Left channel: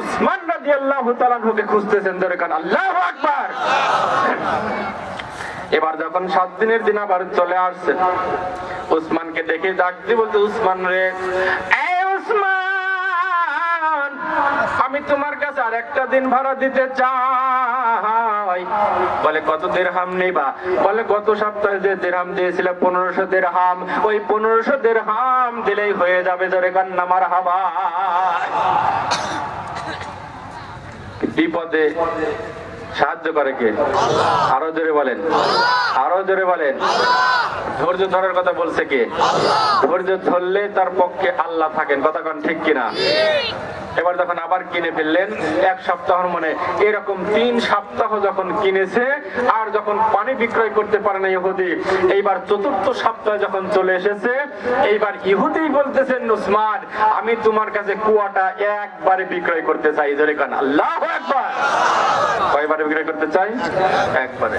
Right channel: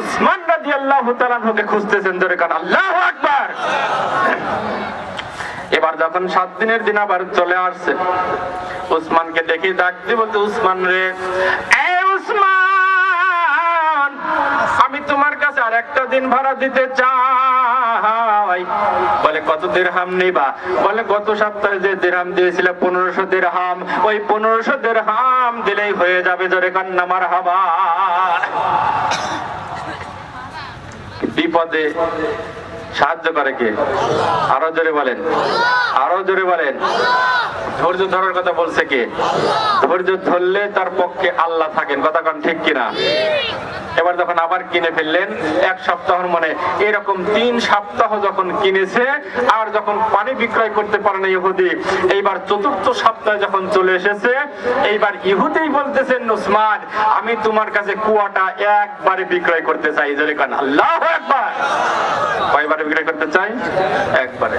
উসমান খুঁজতেছেন, জোরে কান আকবার। এবার যখন সাত দিনের দিন আবার চলে আসছে, উসমানকে ডেকে ডাকতে বলতে উসমান রে উসমান, আমি তোমার কাছে আর একটা দিন ভাড়া দিতে চাই। বলে, কত দেড়হাম নেবা? বলে, গত সপ্তাহে যে দেড়হাম দিয়েছিল, পনেরোশো দেড়হাম ওই পনেরোশো দেড়হাম দিলেই হয়ে যাবে, জোরে হাবা বিপদে সাহায্য করে কে? আরও জোরে বলেন। আরও জোরে বলেন। ধৈর্য ধরার কথা বলছে কে? ধৈর্য ধরলে তার পক্ষে আল্লাহ থাকেন। কথা কান ঠিক কিনা? এবার যখন আবার কিনে ফেললেন এক সপ্তাহের মনে এরকম তিন সপ্তাহ যখন কিনেছে আর যখন পানি বিক্রয় করতে পারে না ইহুদি এইবার চতুর্থ সপ্তাহে যখন চলে এসেছে এইবার ইহুদি বলতেছেন নুসমান আমি তোমার কাছে কুয়াটা একবারে বিক্রয় করতে চাই। জোরে কান আল্লাহ একবার কয়বারে বিক্রয় করতে চাই? একবারে।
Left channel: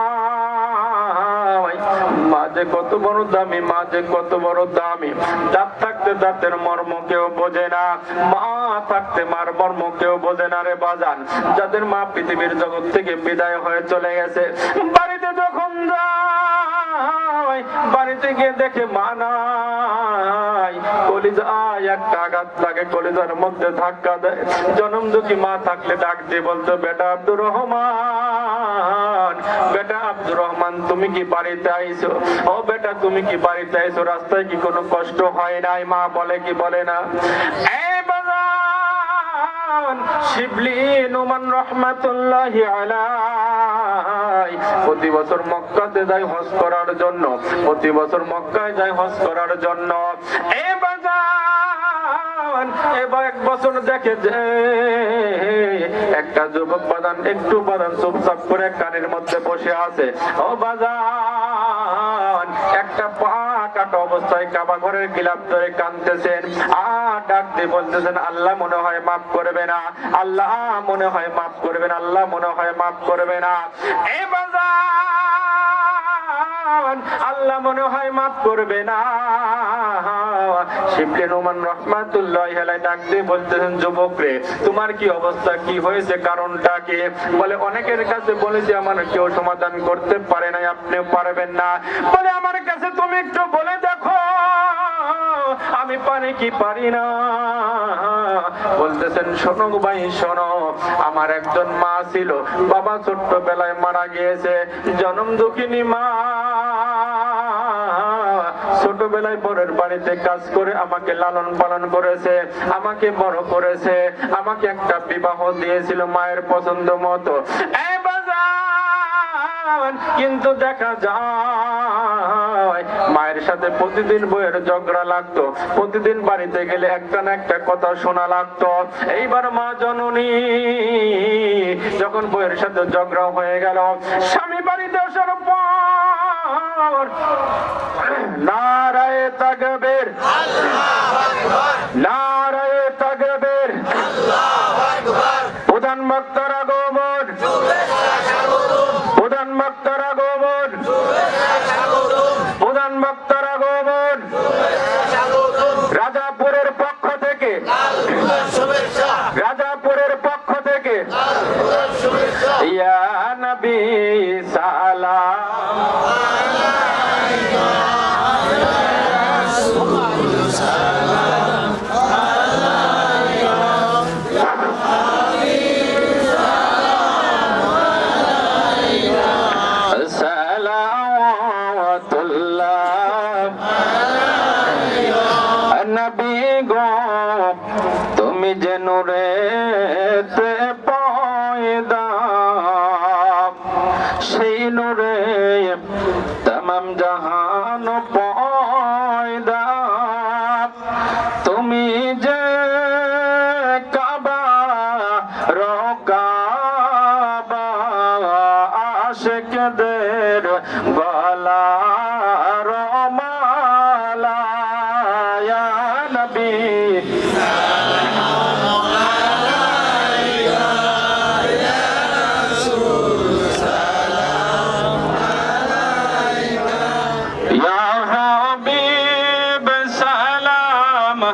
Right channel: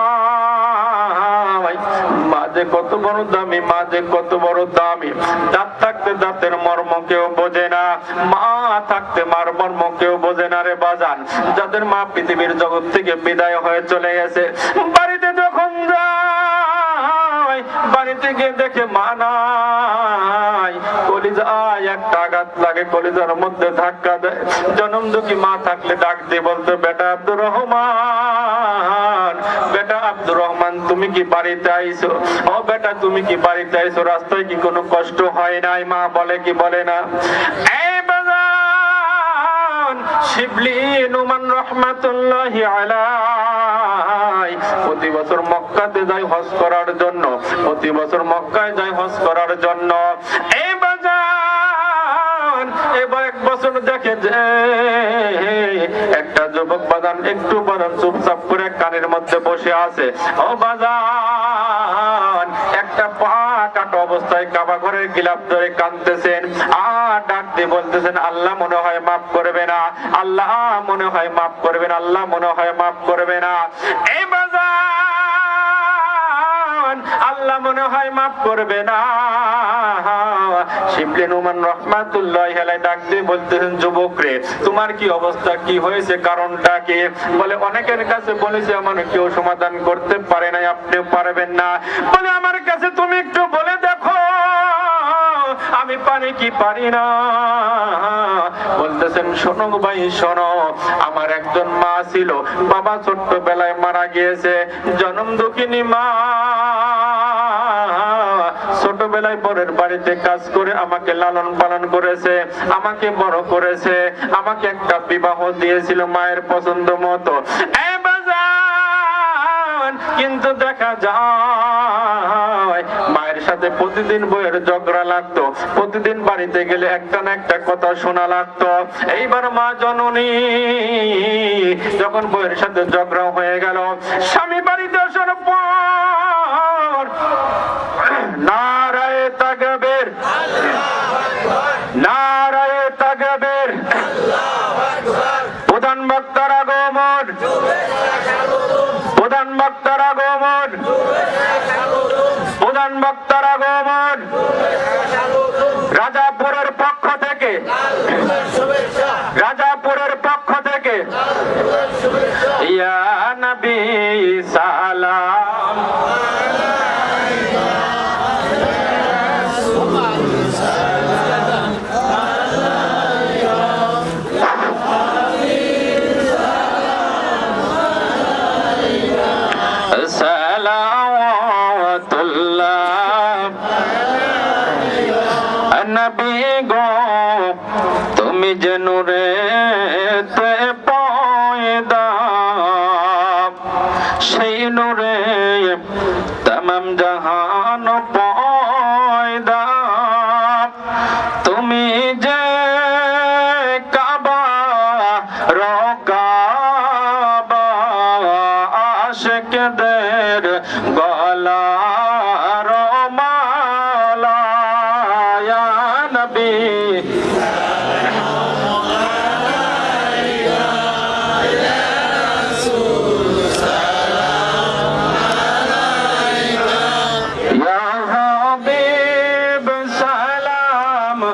মাঝে কত বড় দামি, মাঝে কত বড় দামি। দাঁত থাকতে দাঁতের মর্ম কেউ বোঝে না, মা থাকতে মার মর্ম কেউ বোঝে না রে বাজান। যাদের মা পৃথিবীর জগৎ থেকে বিদায় হয়ে চলে গেছে, বাড়িতে যখন বাড়িতে গিয়ে দেখে মা নাই। কলিজায় একটা আঘাত লাগে, কলিজার মধ্যে ধাক্কা দেয়। জনম দুঃখী মা থাকলে ডাক দিয়ে বলতো, বেটা আব্দুর রহমান বেটা আব্দুর রহমান, তুমি কি বাড়িতে আইছো? ও বেটা, তুমি কি বাড়িতে আইছো? রাস্তায় কি কোনো কষ্ট হয় নাই? মা বলে কি বলে না? প্রতি যাই হজ করার জন্য। প্রতি বছর মক্কায় যাই হজ করার জন্য। বছর দেখে যে, একটা যুবক বাদান একটু বাদান চুপচাপ করে কানের মধ্যে বসে আছে। ও বাজান, একটা পা অবস্থায় কাবা ঘরের গিলাপ ধরে কাঁদতেছেন। আর ডাক দিয়ে বলতেছেন, আল্লাহ মনে হয় মাফ করবে না। আল্লাহ মনে হয় মাফ করবে না। আল্লাহ মনে হয় মাফ করবে না। এই বাজান আল্লাহ মনে হয় মাফ করবে না। শিবলেন রহমাতুল্লাহ ডাক দিয়ে বলতেছেন, যুবক রে, তোমার কি অবস্থা? কি হয়েছে? কারণটা কে? বলে, অনেকের কাছে বলেছে, আমার কেউ সমাধান করতে পারে নাই, আপনিও পারবেন না। বলে, আমার কাছে তুমি একটু আমি পারি কি পারি না? বলতেছেন, শোনো ভাই, শোনো। আমার একজন মা ছিল। বাবা ছোট্টবেলায় মারা গিয়েছে। জনম দুঃখিনী মা। ছোটবেলায় পরের বাড়িতে কাজ করে আমাকে লালন পালন করেছে, আমাকে বড় করেছে, আমাকে একটা বিবাহ দিয়েছিল মায়ের পছন্দ মতো। এ কিন্তু দেখা যায়। মায়ের সাথে প্রতিদিন বইয়ের ঝগড়া লাগতো। প্রতিদিন বাড়িতে গেলে একটা না একটা কথা শোনা লাগতো। এইবার মা জননী, যখন বইয়ের সাথে ঝগড়া হয়ে গেল, স্বামী বাড়িতে আসার বক্তার তুমি যেন তে পয়দা, সেই নুরে তমাম জাহান পয়দা। তুমি যে কাবা রকাবা আশকদের গলার